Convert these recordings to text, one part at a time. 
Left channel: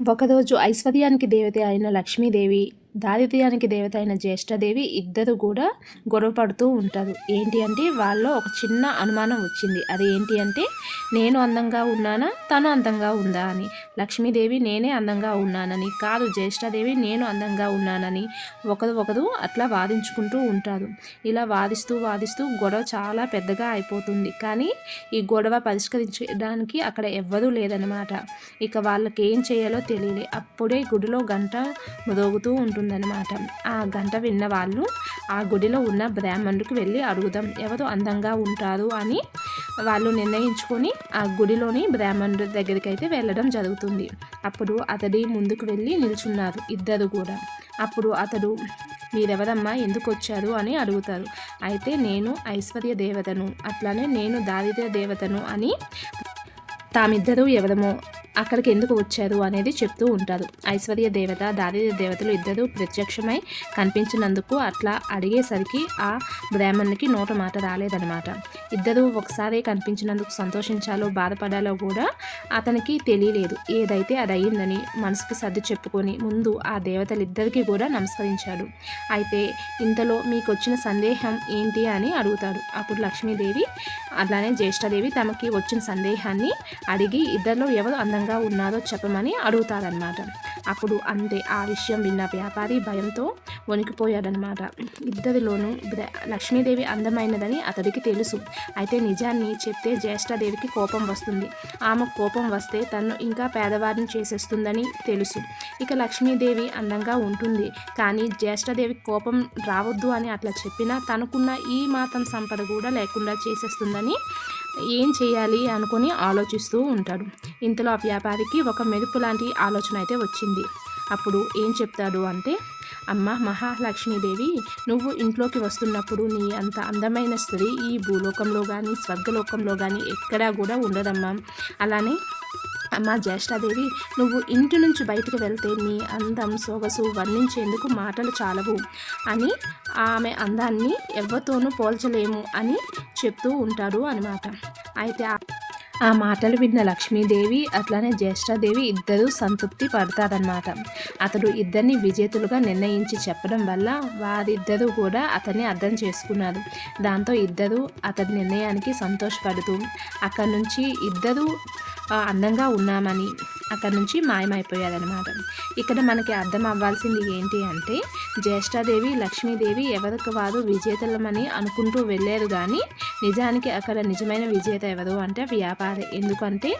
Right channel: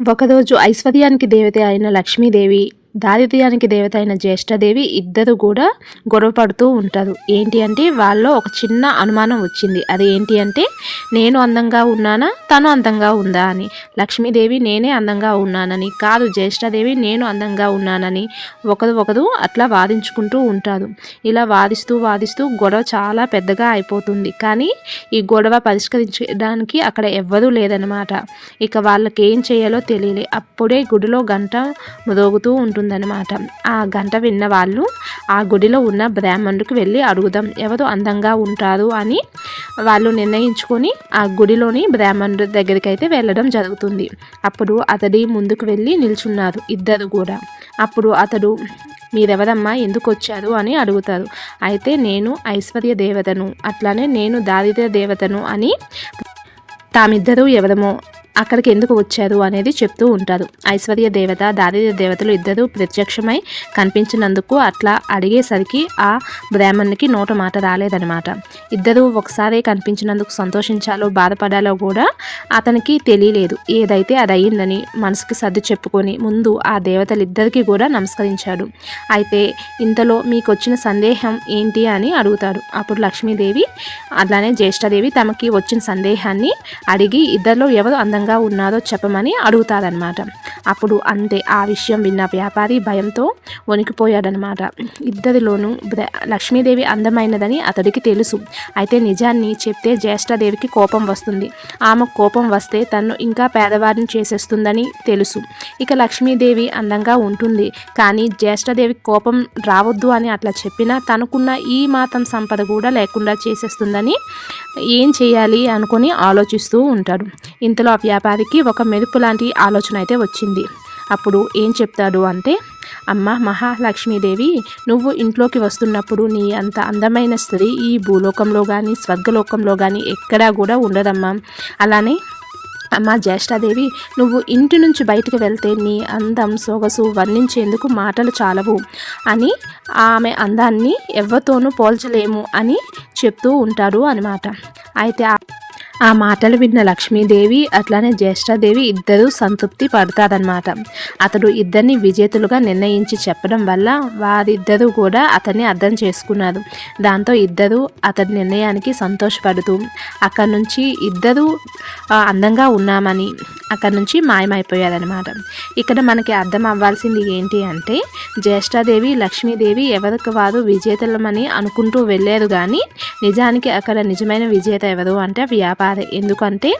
ఒకరోజు ఐశ్వర్యానికి దేవత అయిన లక్ష్మీదేవి, దారిద్ర్యానికి దేవత అయిన జ్యేష్ఠదేవి ఇద్దరు కూడా గొడవ పడుతూ ఉంటారు. ఏంటి అంటే వాళ్ళలో ఒక చిన్న అనుమానం వచ్చింది. అది ఏంటి అంటే నేను అందంగా ఉన్నానా, తను అందంగా ఉందా అని. లక్ష్మీదేవి నేనే అందంగా ఉన్నానని, కాదు జ్యేష్ఠదేవి నేను అందంగా ఉన్నానని ఒకరు అట్లా వాదించుకుంటూ ఉంటారు. ఇలా వాదిస్తూ గొడవ చాలా పెద్దగా అయిపోతుంది. కానీ ఈ గొడవ పరిష్కరించడానికి అక్కడ ఎవ్వరూ లేదనమాట. ఇక వాళ్ళకి ఏం చేయాలో తెలియలే. అప్పుడే గుడిలో గంట మ్రోగుతూ ఉంటుందన్నమాట. ఆ గంట విన్న వాళ్ళు ఆ గుడిలో ఉన్న బ్రాహ్మణుడికి వెళ్ళి అడుగుదాం ఎవరు అందంగా ఉంటారు అని వాళ్ళు నిర్ణయించుకొని ఆ గుడిలోని బ్రాహ్మణుడి దగ్గరికి అయితే వెళ్ళడం జరుగుతుంది. అప్పుడు అతడి ముందుకు వెళ్ళి నిల్చున్నారు ఇద్దరు కూడా. అప్పుడు అతడు మీరెవరమ్మా, ఎందుకు వచ్చారు అని అడుగుతారు. అయితే నేను ఐశ్వర్య దేవతను, అట్లానే నేను దారిద్ర్య దేవతను అని తామిద్దరూ ఎవరమో అక్కడికి ఎందుకు వచ్చారు అనేది చెప్తూ ఉంటారు. ఐశ్వర్య దేవత, దారిద్ర్య దేవతలు ఇద్దరు ప్రత్యక్షమై కనిపించినందుకు అట్లా అడిగేసరికి ఆ బ్రాహ్మణునికి నోట మాట రాలేదనమాట. ఇద్దరు ఒకసారి కనిపించినందుకు సంతోషించాలో బాధపడాలో కూడా అతనికి తెలియలేదు. ఏదైతే అది అయ్యిందని మనసుకి సర్ది చెప్పుకొని ముందు ఆ దేవతలిద్దరికీ కూడా నమస్కరించాడు. అయితే ఇంతలో మీకు వచ్చిన సందేహం ఏంటి అని అడుగుతాడు. అప్పుడు లక్ష్మీదేవి అలానే జ్యేష్ఠదేవి తమకి వచ్చిన సందేహాన్ని అడిగి ఇద్దరిలో ఎవరు అందంగా ఉన్నారో చెప్పమని అడుగుతారనమాట. అప్పుడు అంతే, ఆ విషయం విన్న వ్యాపారి భయంతో వణికిపోయాడనమాట. ఇద్దరిలోనూ లక్ష్మీదేవి అందమైనదని అతడికి తెలుసు. అయితే నిజాన్ని చెప్తే జ్యేష్ఠదేవికి కోపం వస్తుంది. ఆమె కోపం వస్తే తను ఇంకా పేదవారిని చేసేస్తుందని తెలుసు. ఇక లక్ష్మీదేవి అందంగా ఉంటుంది, కానీ జ్యేష్ఠదేవికి కోపం రావద్దు అని అట్లా చెప్పినా తనకున్న ఈ మాత్రం సంపద కూడా లేకుండా చేసేస్తుందని ఏం చేయాలి అనుకొని ఆలోచిస్తూ ఉంటాడు. ఇంతలో ఆ వ్యాపారికి ఒక మెరుపు లాంటి ఆలోచన అయితే వచ్చింది. అప్పుడు ఏం చెప్తాడు అంటే, అమ్మ మహాలక్ష్మీదేవి, నువ్వు ఇంట్లోకి వస్తున్నప్పుడు నీ అంత అందమైన స్త్రీ ఈ భూలోకంలో కానీ స్వర్గలోకంలో కానీ ఎక్కడా కూడా ఉండదమ్మా. అలానే అమ్మ జ్యేష్ఠదేవి, నువ్వు ఇంటి నుంచి బయటకు వెళ్తే నీ అందం సొగసు వర్ణించేందుకు మాటలు చాలవు అని, ఆమె అందాన్ని ఎవరితోనూ పోల్చలేము అని చెప్తూ ఉంటాడు అనమాట. అయితే ఆ మాటలు విన్న లక్ష్మీదేవి అట్లానే జ్యేష్ఠదేవి ఇద్దరూ సంతృప్తి పడతారనమాట. అతడు ఇద్దరిని విజేతలుగా నిర్ణయించి చెప్పడం వల్ల వారిద్దరూ కూడా అతన్ని అర్థం చేసుకున్నారు. దాంతో ఇద్దరూ అతడి నిర్ణయానికి సంతోషపడుతూ అక్కడి నుంచి ఇద్దరూ అందంగా ఉన్నామని అక్కడి నుంచి మాయమైపోయారనమాట. ఇక్కడ మనకి అర్థం అవ్వాల్సింది ఏంటి అంటే, జ్యేష్ఠదేవి లక్ష్మీదేవి ఎవరికి వారు విజేతలమని అనుకుంటూ వెళ్ళారు, కానీ నిజానికి అక్కడ నిజమైన విజేత ఎవరు అంటే వ్యాపారి. ఎందుకంటే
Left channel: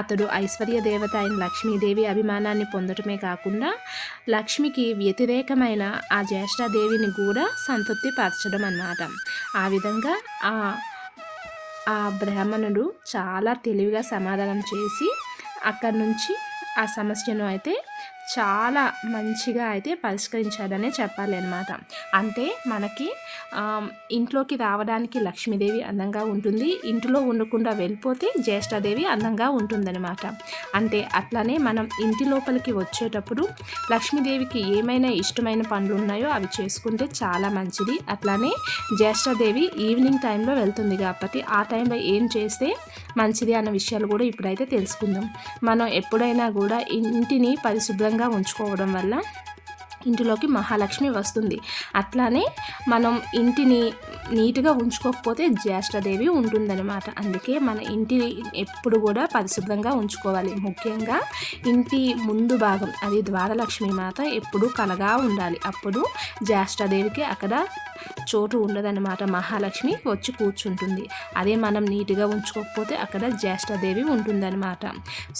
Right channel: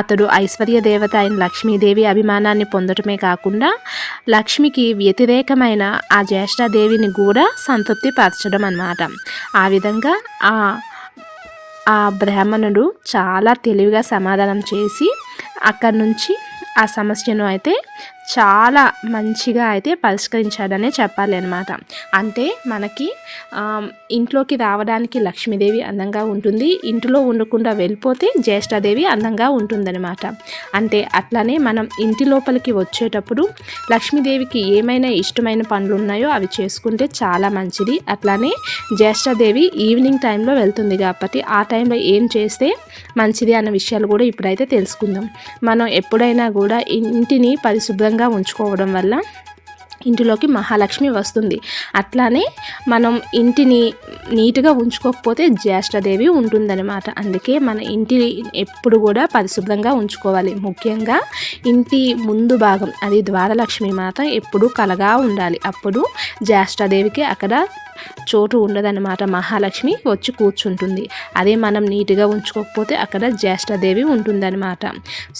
అతడు ఐశ్వర్య దేవత అయిన లక్ష్మీదేవి అభిమానాన్ని పొందటమే కాకుండా లక్ష్మికి వ్యతిరేకమైన ఆ జ్యేష్ఠదేవిని కూడా సంతృప్తి పరచడం అన్నమాట. ఆ విధంగా ఆ బ్రాహ్మణుడు చాలా తెలివిగా సమాధానం చేసి అక్కడి నుంచి ఆ సమస్యను అయితే చాలా మంచిగా అయితే పరిష్కరించాడనే చెప్పాలి అనమాట. అంటే మనకి ఇంట్లోకి రావడానికి లక్ష్మీదేవి అందంగా ఉంటుంది, ఇంటిలో ఉండకుండా వెళ్ళిపోతే జ్యేష్ఠదేవి అందంగా ఉంటుందన్నమాట. అంటే అట్లానే మనం ఇంటి లోపలికి వచ్చేటప్పుడు లక్ష్మీదేవికి ఏమైనా ఇష్టమైన పనులు ఉన్నాయో అవి చేసుకుంటే చాలా మంచిది. అట్లానే జ్యేష్ఠదేవి ఈవినింగ్ టైంలో వెళ్తుంది కాబట్టి ఆ టైంలో ఏం చేస్తే మంచిది అన్న విషయాలు కూడా ఇప్పుడైతే తెలుసుకుందాం. మనం ఎప్పుడైనా కూడా ఇంటిని పరిశుభ్రంగా ఉంచుకోవడం వల్ల ఇంటిలోకి మహాలక్ష్మి వస్తుంది. అట్లానే మనం ఇంటిని నీట్గా ఉంచుకోకపోతే జ్యేష్ఠదేవి ఉంటుందన్నమాట. అందుకే మన ఇంటిని ఎప్పుడు కూడా పరిశుభ్రంగా ఉంచుకోవాలి. ముఖ్యంగా ఇంటి ముందు భాగం, అది ద్వారలక్ష్మి మాత ఎప్పుడు కలగా ఉండాలి. అప్పుడు జ్యేష్ఠదేవికి అక్కడ చోటు ఉండదన్నమాట. మహాలక్ష్మి వచ్చి కూర్చుంటుంది. అదే మనం నీట్గా ఉంచుకోకపోతే అక్కడ జ్యేష్ఠదేవి ఉంటుందన్నమాట.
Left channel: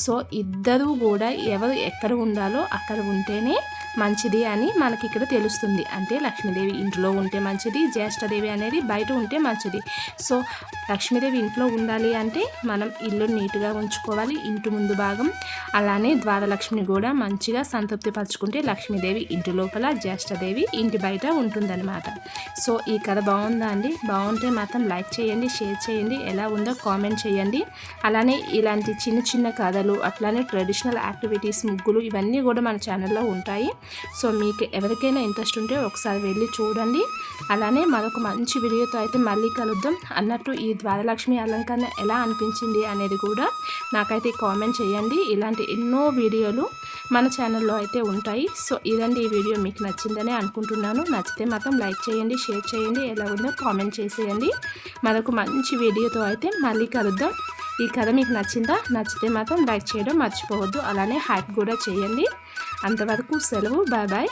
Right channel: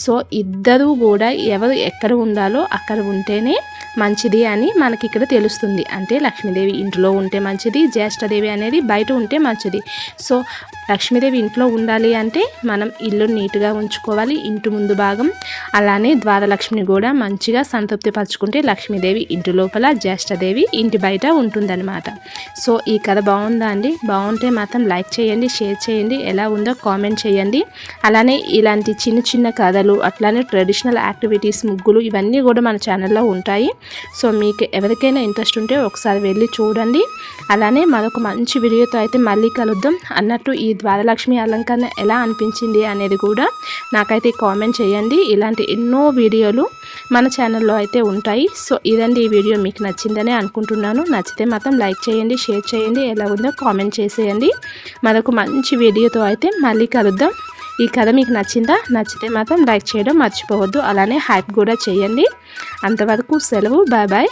సో ఇద్దరూ కూడా ఎవరు ఎక్కడ ఉండాలో అక్కడ ఉంటేనే మంచిది అని మనకి ఇక్కడ తెలుస్తుంది. అంటే లక్ష్మీదేవి ఇంట్లో ఉంటే మంచిది, జ్యేష్ఠదేవి అనేది బయట ఉంటే మంచిది. సో లక్ష్మీదేవి ఇంట్లో ఉండాలి అంటే మనం ఇల్లు నీట్గా ఉంచుకోవాలి, ఇంటి ముందు భాగం. అలానే ద్వారలక్ష్మిని కూడా మంచిగా సంతృప్తి పరచుకుంటే లక్ష్మీదేవి ఇంటి లోపల, జ్యేష్ఠదేవి ఇంటి బయట ఉంటుందన్నమాట. సో ఈ కథ బాగుందా అండి? బాగుంటే మాత్రం లైక్ చేయండి, షేర్ చేయండి, ఎలా ఉందో కామెంట్ చేయండి. అలానే ఇలాంటి చిన్న చిన్న కథలు, అట్లానే ట్రెడిషనల్ యాక్టివిటీస్, ముగ్గులు, ఇవన్నీ కూడా మన ఛానల్లో ఉంటాయి. సో మీకు ఎవరికైనా ఇంట్రెస్ట్ ఉంటే ఒకసారి వెళ్ళి చూడండి. అలానే మరొక మంచి వీడియోతో అయితే మళ్ళీ కలుద్దాం. అన్నట్టు ఈ ద్వారలక్ష్మి అలంకరణ ఎలా అనిపించింది అనేది కూడా నాకైతే కామెంట్ చేయండి. ఇలాంటి ఎన్నో వీడియోలు మన ఛానల్లో అయితే ఉంటాయి. సో ఇదండి ఈ వీడియో మీకు నచ్చిందని అనుకుంటున్నాను. నచ్చితే మాత్రం లైక్ చేయండి, షేర్ చేయండి, ఎలా ఉందో కామెంట్ చేసేయండి. మరొక మంచి వీడియోతో అయితే మళ్ళీ కలుద్దాం. ఈ కథ మీకు నచ్చిందా? నచ్చితే మాత్రం లైక్ చేయడం మర్చిపోవద్దు. అలానే హైప్ కూడా చేయండి. అంతవరకు సెలవు. Bye bye.